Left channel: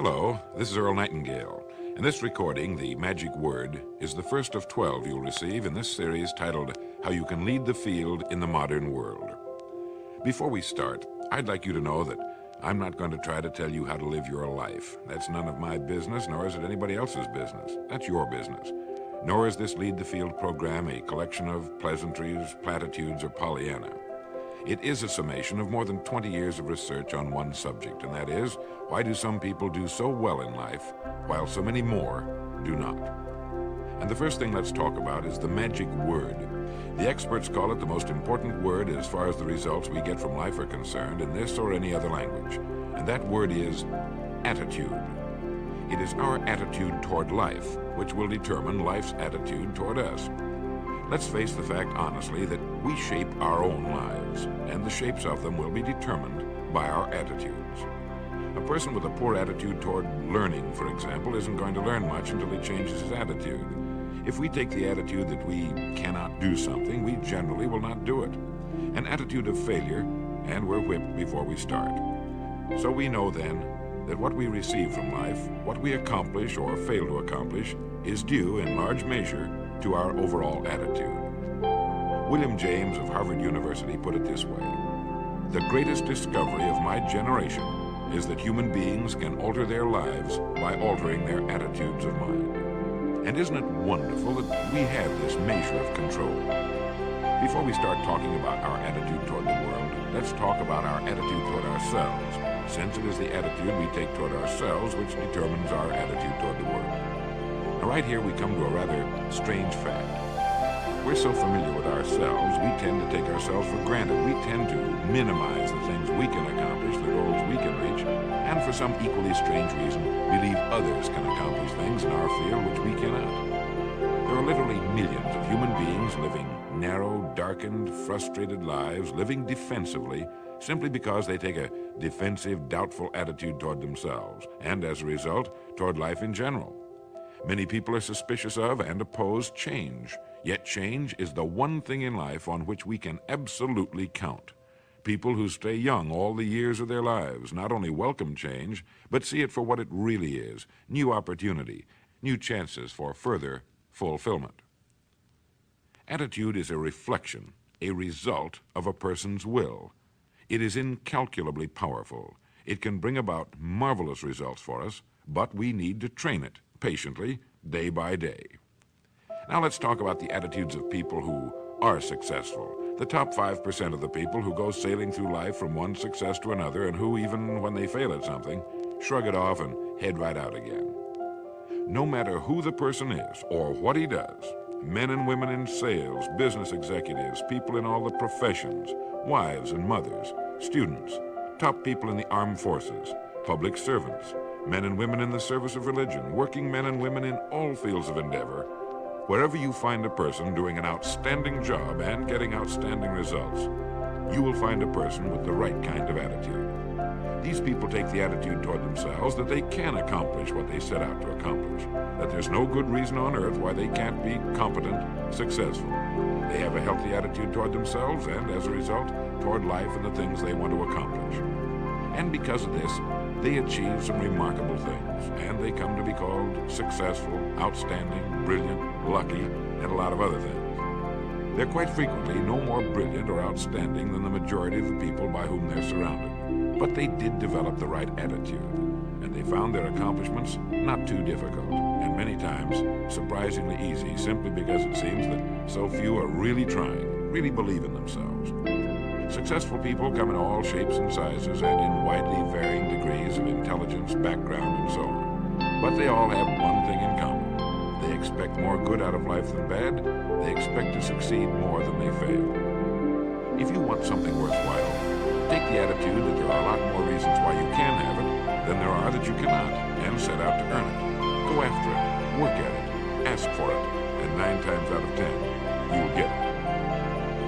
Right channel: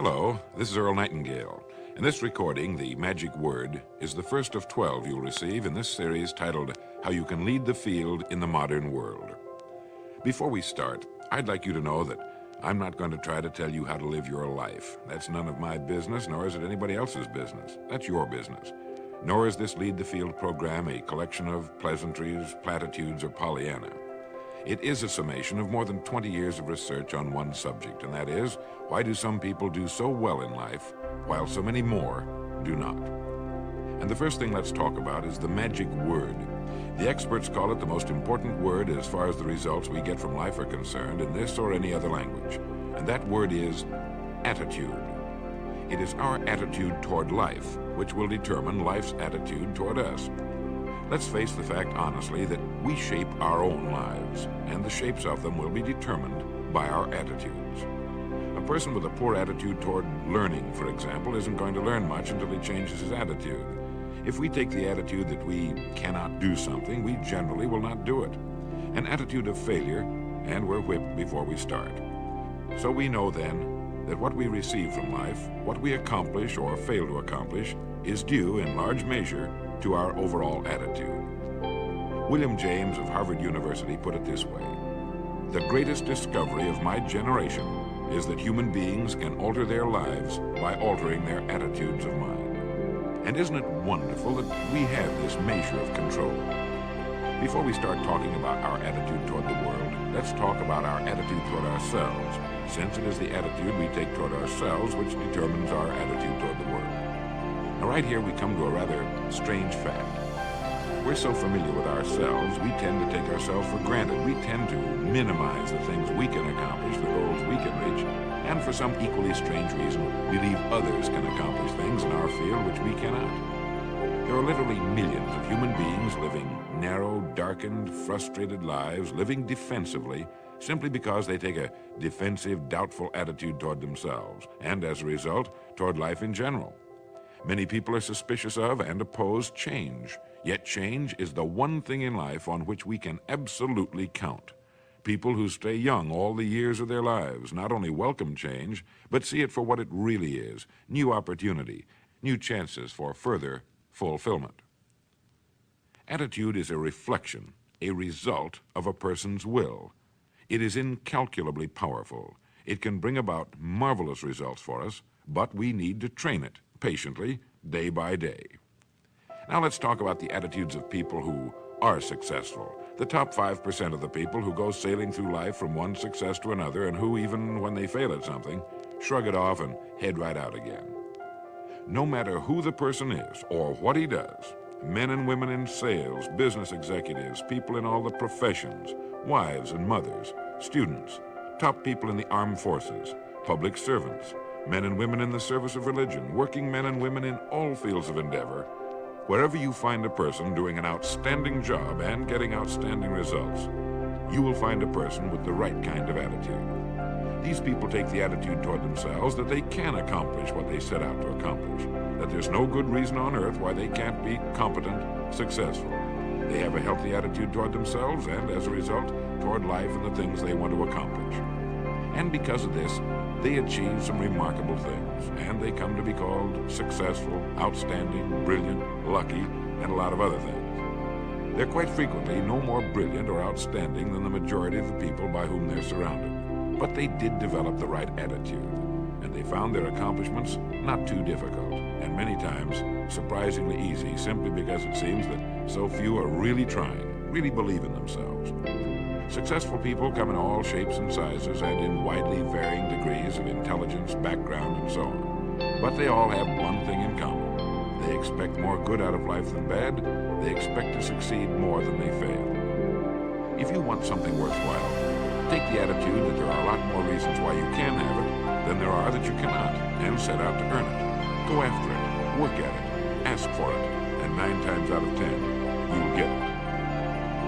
Hello, this is Earl Nightingale, and this recording, The Magic Word, is the first of 12 you'll receive in this series titled How You Can Lead the Field in the Modern World. Before we start, I'd like you to know that I'm not going to try to tell you how to live your life. That's none of my business, nor is it anybody else's business. That's your business. Nor is this Lead the Field program a collection of pleasantries, platitudes, or Pollyanna. It is a summation of more than 20 years of research on one subject, and that is, why do some people do so well in life, while so many more do not? And the first thing let's talk about is the magic word. The experts call it the most important word as far as the results we get from life are concerned in this or any other language, and that word is attitude. It is our attitude toward life which will determine life's attitude toward us. Let's face the fact honestly that we shape our own lives, and the shapes of them will be determined by our attitudes. A person with a poor attitude toward learning, for example, isn't going to learn much until he changes his attitude. If we take the attitude that we cannot do something, we generally will not do it. An attitude of failure, and we're whipped before we start. So we know then that what we receive from life, what we accomplish or fail to accomplish, is due in large measure to our overall attitude. William James of Harvard University put it this way: "The greatest discovery of my generation is that human beings can alter their lives by altering their attitudes of mind." And isn't it wonderful that we have this measure of control? Before we start talking about our attitude toward the world, let's talk about our attitude toward ourselves, since it is the attitude we take toward ourselves which determines our attitude toward the world. Now right here we come to a rather strange fact. We're so familiar with ourselves, we tend to take ourselves for granted. We tend to minimize the things we can accomplish, the goals we can reach, and for some equally strange reason, believe others can accomplish things in our field which we cannot. There are literally millions of human beings living narrow, darkened, frustrated lives, living defensively, simply because they take a defensive, doubtful attitude toward themselves, and as a result, toward life in general. Many people are suspicious of and oppose change, yet change is the one thing in life on which we can absolutely count. People who stay young all the years of their lives not only welcome change, but see it for what it really is: new opportunity, new chances for further fulfillment. Attitude is a reflection, a result of a person's will. It is incalculably powerful. It can bring about marvelous results for us, but we need to train it patiently, day by day. Now let's talk about the attitudes of people who are successful. The top 5% of the people who go sailing through life from one success to another, and who, even when they fail at something, shrug it off and head right out again. No matter who the person is or what he does, men and women in sales, business executives, people in all the professions, wives and mothers, students, top people in the armed forces, public servants, men and women in the service of religion, working men and women in all fields of endeavor, wherever you find a person doing an outstanding job and getting outstanding results, you will find a person with the right kind of attitude. These people take the attitude toward themselves that they can accomplish what they set out to accomplish, that there's no good reason on earth why they can't be competent, successful. They have a healthy attitude toward themselves and, as a result, toward life and the things they want to accomplish. And because of this, they achieve some remarkable things, and they come to be called successful, outstanding, brilliant, lucky, and a lot of other things. They're quite frequently no more brilliant or outstanding than the majority of the people by whom they're surrounded. But they did develop the right attitude, and they found their accomplishments not too difficult, and many times surprisingly easy, simply because it seems that so few are really trying, really believe in themselves. Successful people come in all shapes and sizes and in widely varying degrees of intelligence, background, and so on. But they all have one thing in common. They expect more good out of life than bad. They expect to succeed more than they fail. If you want something worthwhile, take the attitude that there are a lot more reasons why you can have it than there are that you cannot, and set out to earn it. Go after it, work at it, ask for it, and 9 times out of 10, you will get it.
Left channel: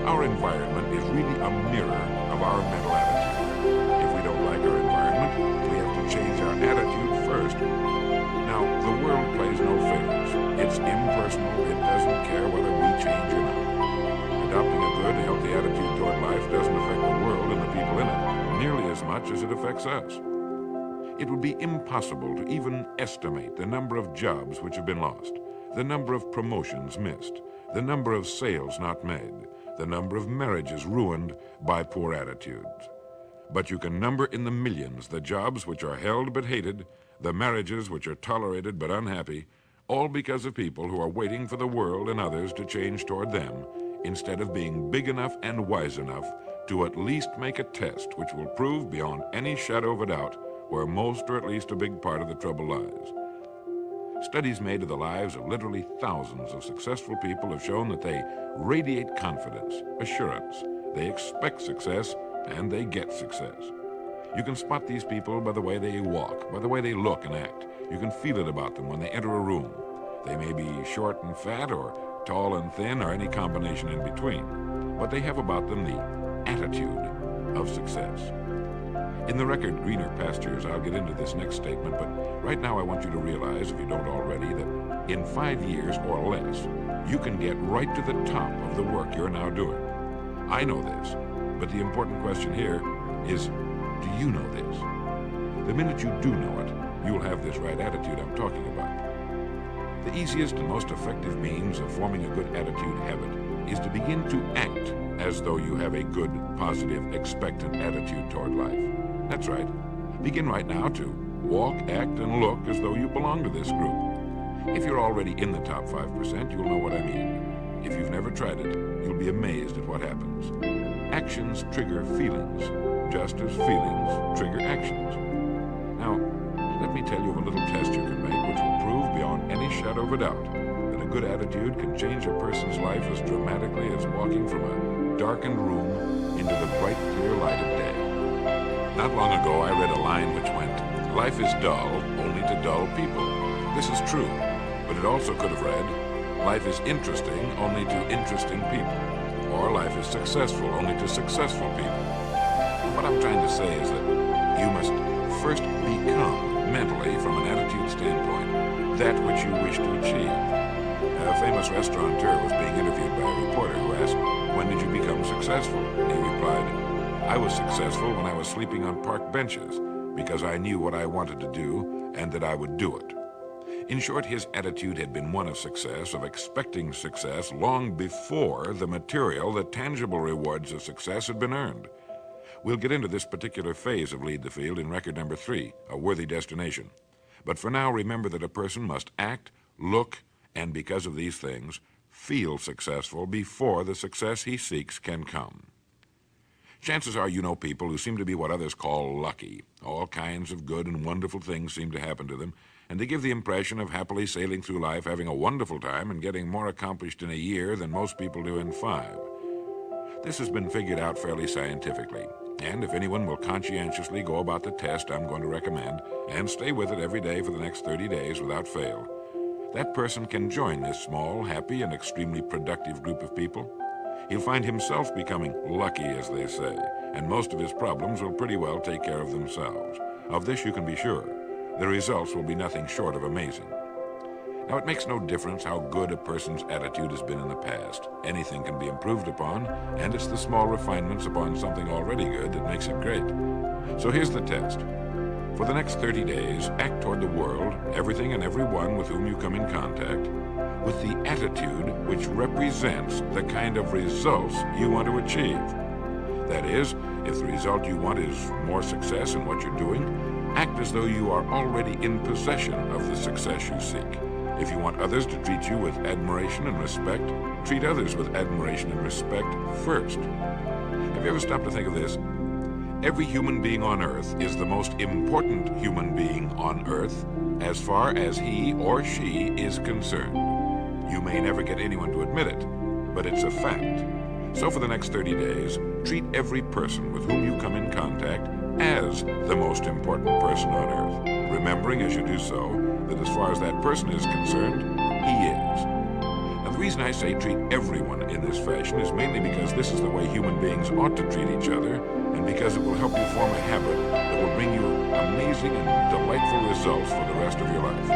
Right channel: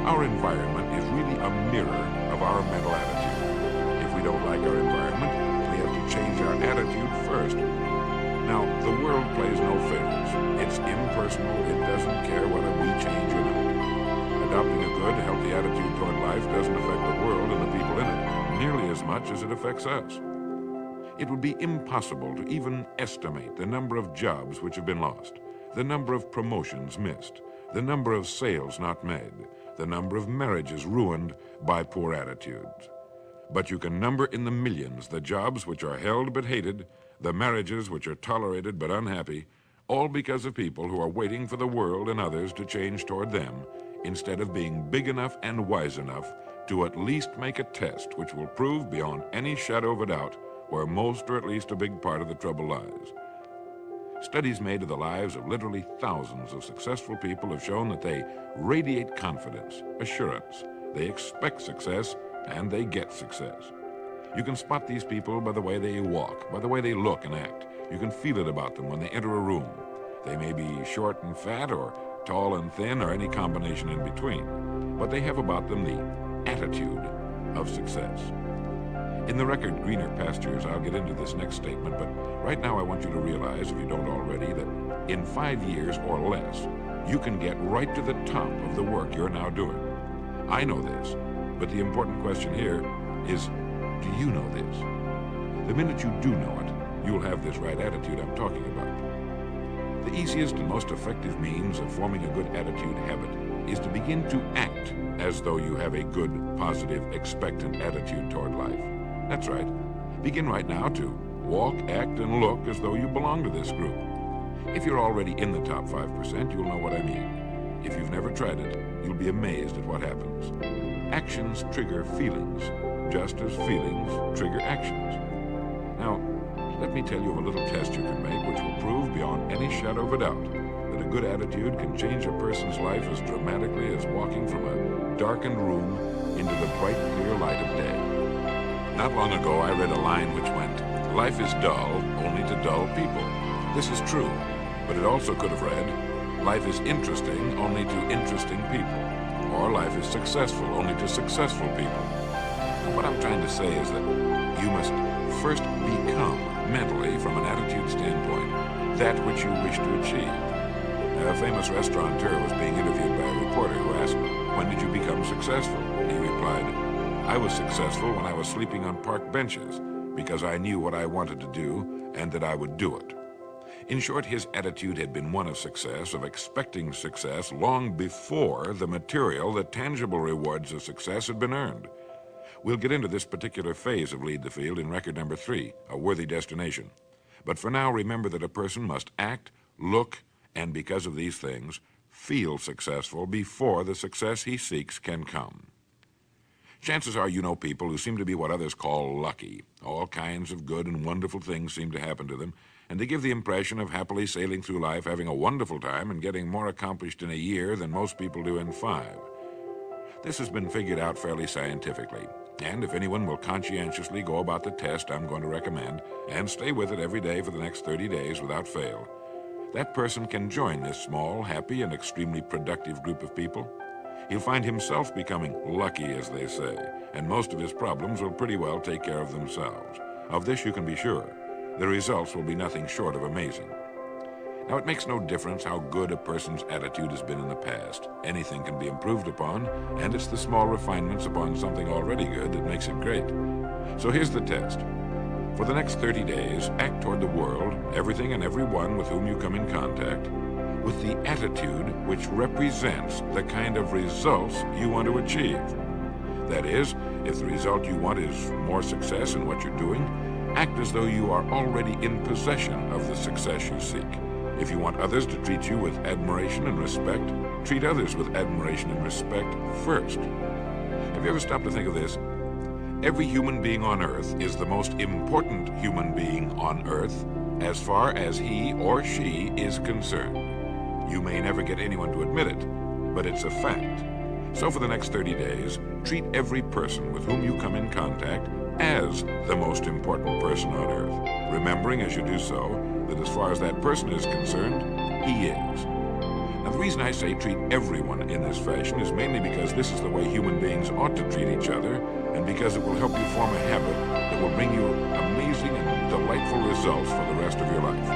Our environment is really a mirror of our mental attitude. If we don't like our environment, we have to change our attitude first. Now, the world plays no favorites. It's impersonal. It doesn't care whether we change or not. Adopting a good, healthy attitude toward life doesn't affect the world and the people in it nearly as much as it affects us. It would be impossible to even estimate the number of jobs which have been lost, the number of promotions missed, the number of sales not made, the number of marriages ruined by poor attitudes. But you can number in the millions the jobs which are held but hated, the marriages which are tolerated but unhappy, all because of people who are waiting for the world and others to change toward them, instead of being big enough and wise enough to at least make a test which will prove beyond any shadow of a doubt where most or at least a big part of the trouble lies. Studies made of the lives of literally thousands of successful people have shown that they radiate confidence, assurance, they expect success, and they get success. You can spot these people by the way they walk, by the way they look and act. You can feel it about them when they enter a room. They may be short and fat, or tall and thin, or any combination in between, but they have about them the attitude of success. In the record Greener Pastures, I'll get into this next statement, but right now I want you to realize, if you don't already, that in 5 years or less, you can get right to the top of the work you're now doing. I know this, but the important question here is, do you know this? The minute you do know it, you'll have this right attitude I'm talking about. The easiest and most effective means of forming a good attitude habit is to begin to act as though you have a good, positive, expectant attitude toward life. That's right. Begin right now to walk, act, and look as though you belong to this group. If you're already in the top 5%, you'll know what I mean. If you've never tried it, you'll be amazed at what happens. Actions trigger feelings, just as feelings trigger actions. Now, let me tell you of a little test you can make which will prove beyond any shadow of a doubt that a good attitude can change a person's life as dramatically as walking from a darkened room into the bright, clear light of day. Not long ago, I read a line which went, "Life is dull only to dull people." This is true, but it also could have read, "Life is interesting only to interesting people," or "Life is successful only to successful people." And what I'm trying to say is that you must first become, mentally, from an attitude standpoint, that which you wish to achieve. A famous restaurateur was being interviewed by a reporter who asked, "When did you become successful?" And he replied, "I was successful when I was sleeping on park benches, because I knew what I wanted to do and that I would do it." In short, his attitude had been one of success, of expecting success, long before the material, the tangible rewards of success had been earned. We'll get into this particular phase of Lead the Field in record number 3, A Worthy Destination. But for now, remember that a person must act, look, and because of these things, feel successful before the success he seeks can come. Chances are you know people who seem to be what others call lucky. All kinds of good and wonderful things seem to happen to them, and they give the impression of happily sailing through life, having a wonderful time, and getting more accomplished in a year than most people do in 5. This has been figured out fairly scientifically, and if anyone will conscientiously go about the test I'm going to recommend, and stay with it every day for the next 30 days without fail, that person can join this small, happy, and extremely productive group of people. He'll find himself becoming lucky, as they say, and most of his problems will pretty well take care of themselves. Of this you can be sure. The results will be nothing short of amazing. Now, it makes no difference how good a person's attitude has been in the past. Anything can be improved upon, and it's the small refinements upon something already good that makes it great. So here's the test. For the next 30 days, act toward the world, everything and everyone with whom you come in contact, with the attitude which represents the kind of results you want to achieve. That is, if the result you want is more success in what you're doing, act as though you are already in possession of the success you seek. If you want others to treat you with admiration and respect, treat others with admiration and respect first. Have you ever stopped to think of this? Every human being on earth is the most important human being on earth as far as he or she is concerned. You may never get anyone to admit it, but it's a fact. So for the next 30 days, treat every person with whom you come in contact as the most important person on earth, remembering as you do so that as far as that person is concerned, he is. Now, the reason I say treat everyone in this fashion is mainly because this is the way human beings ought to treat each other, and because it will help you form a habit that will bring you amazing and delightful results for the rest of your life.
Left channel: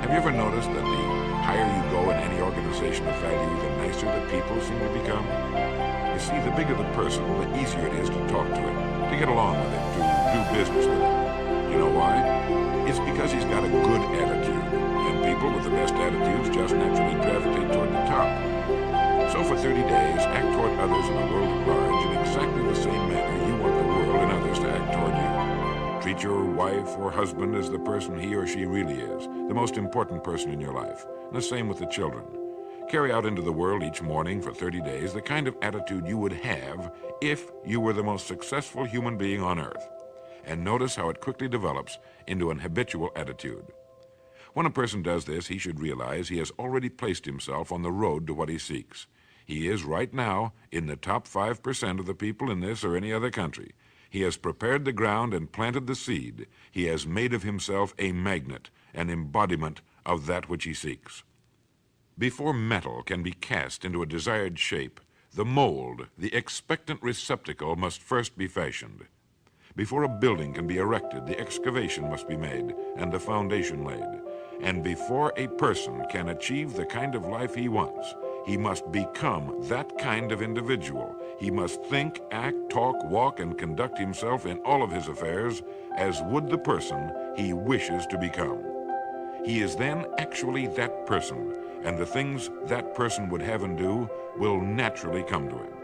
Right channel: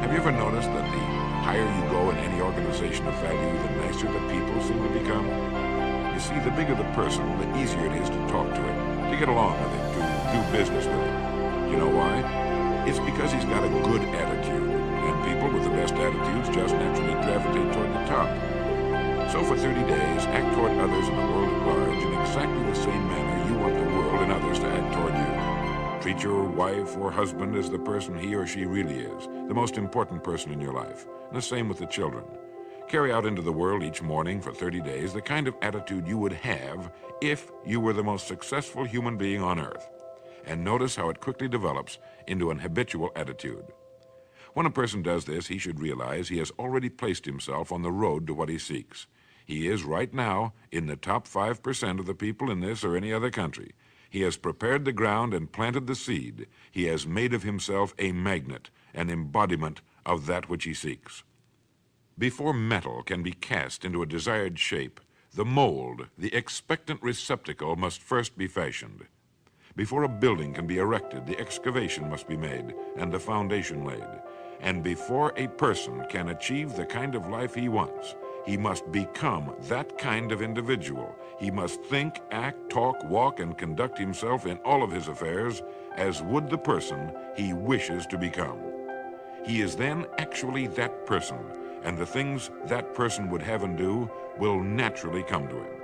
Have you ever noticed that the higher you go in any organization of value, the nicer the people seem to become? You see, the bigger the person, the easier it is to talk to him, to get along with him, to do business with him. You know why? It's because he's got a good attitude, and people with the best attitudes just naturally gravitate toward the top. So for 30 days, act toward others in the world at large in exactly the same manner you want the world and others to act toward you. Treat your wife or husband as the person he or she really is, the most important person in your life, and the same with the children. Carry out into the world each morning for 30 days the kind of attitude you would have if you were the most successful human being on earth. And notice how it quickly develops into an habitual attitude. When a person does this, he should realize he has already placed himself on the road to what he seeks. He is right now in the top 5% of the people in this or any other country. He has prepared the ground and planted the seed. He has made of himself a magnet, an embodiment of that which he seeks. Before metal can be cast into a desired shape, the mold, the expectant receptacle, must first be fashioned. Before a building can be erected, the excavation must be made and the foundation laid. And before a person can achieve the kind of life he wants, he must become that kind of individual. He must think, act, talk, walk, and conduct himself in all of his affairs as would the person he wishes to become. He is then actually that person, and the things that person would have and do will naturally come to him.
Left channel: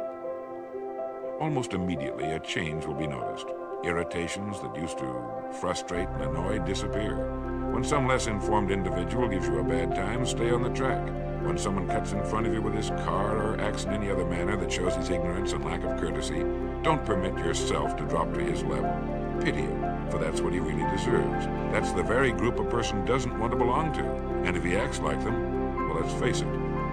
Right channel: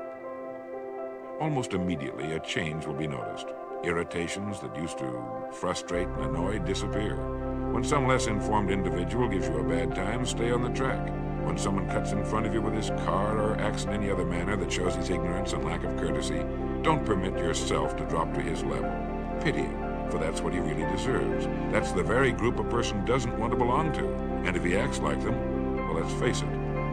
Almost immediately, a change will be noticed. Irritations that used to frustrate and annoy disappear. When some less informed individual gives you a bad time, stay on the track. When someone cuts in front of you with his car or acts in any other manner that shows his ignorance and lack of courtesy, don't permit yourself to drop to his level. Pity him, for that's what he really deserves. That's the very group a person doesn't want to belong to. And if he acts like them, well, let's face it,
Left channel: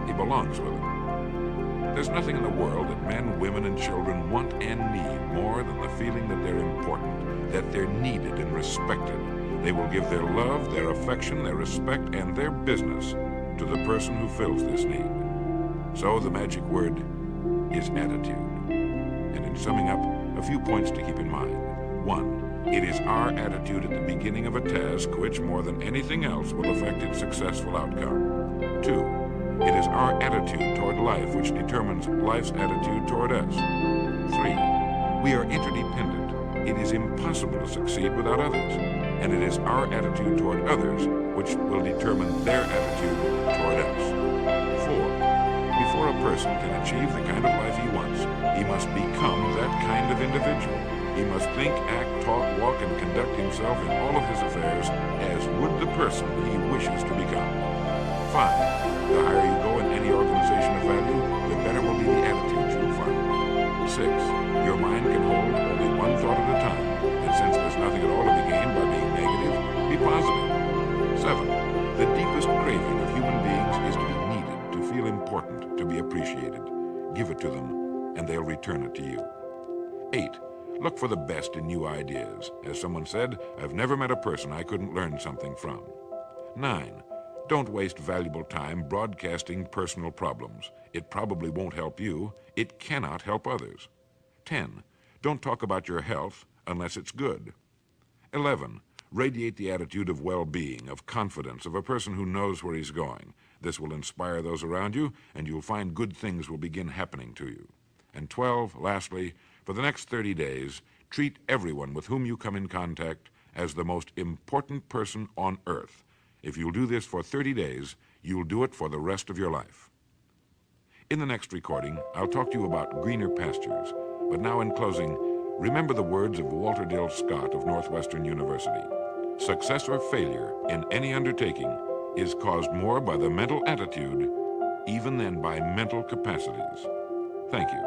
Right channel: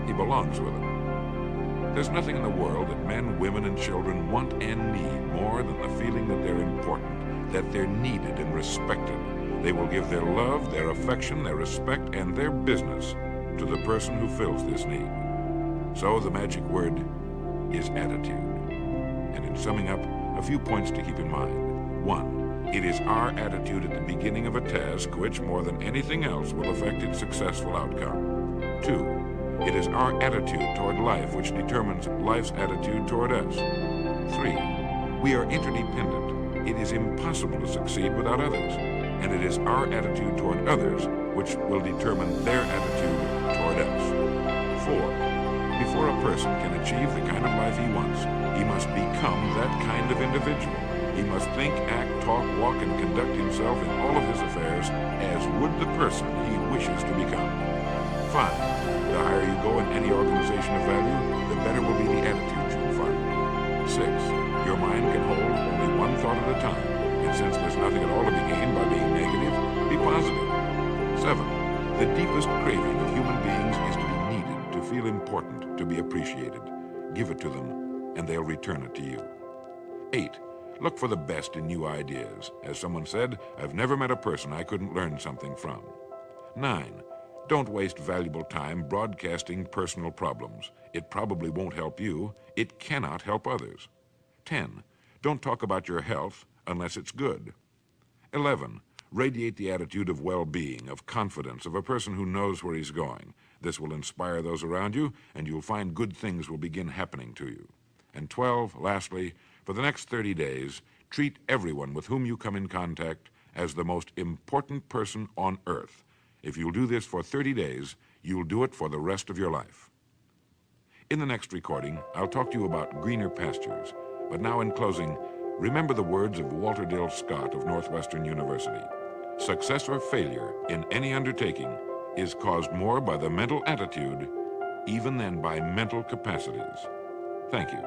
he belongs with them. There's nothing in the world that men, women, and children want and need more than the feeling that they're important, that they're needed and respected. They will give their love, their affection, their respect, and their business to the person who fills this need. So the magic word is attitude. And in summing up, a few points to keep in mind. 1, it is our attitude at the beginning of a task which, more than anything else, will affect its successful outcome. 2, it is our attitude toward life which determines life's attitude toward us. 3, we are interdependent. It is impossible to succeed without others. And it is our attitude toward others which will determine their attitude toward us. 4, before a person can achieve the kind of life he wants, he must become that kind of individual. He must think, act, talk, walk, and conduct himself in all of his affairs as would the person he wishes to become. 5, the higher you go in any organization of value, the better will be the attitudes you'll find. 6, your mind can hold only one thought at a time, and since there's nothing at all to be gained by being negative, be positive. 7, the deepest craving of human beings is to be needed, to feel important, to be appreciated. Give it to them, and they'll return it to you. 8, look for the best in new ideas. As someone said, I've never met a person I couldn't learn something from. 9, don't waste valuable time broadcasting personal problems. It probably won't help you. It cannot help others. 10, don't talk about your health unless it's good. 11, radiate the attitude of well-being, of confidence, of a person who knows where he's going. This will inspire those around you, and you'll find good things will begin happening to you. And 12, lastly, for the next 30 days, treat everyone with whom you come in contact as the most important person on earth. If you'll do this for 30 days, you'll do it for the rest of your life. In the next recording, I'll talk to you about greener pastures. But now in closing, remember the words of Walter Dill Scott of Northwestern University. Success or failure in any undertaking is caused more by the mental attitude even than by mental capacities. Thank you.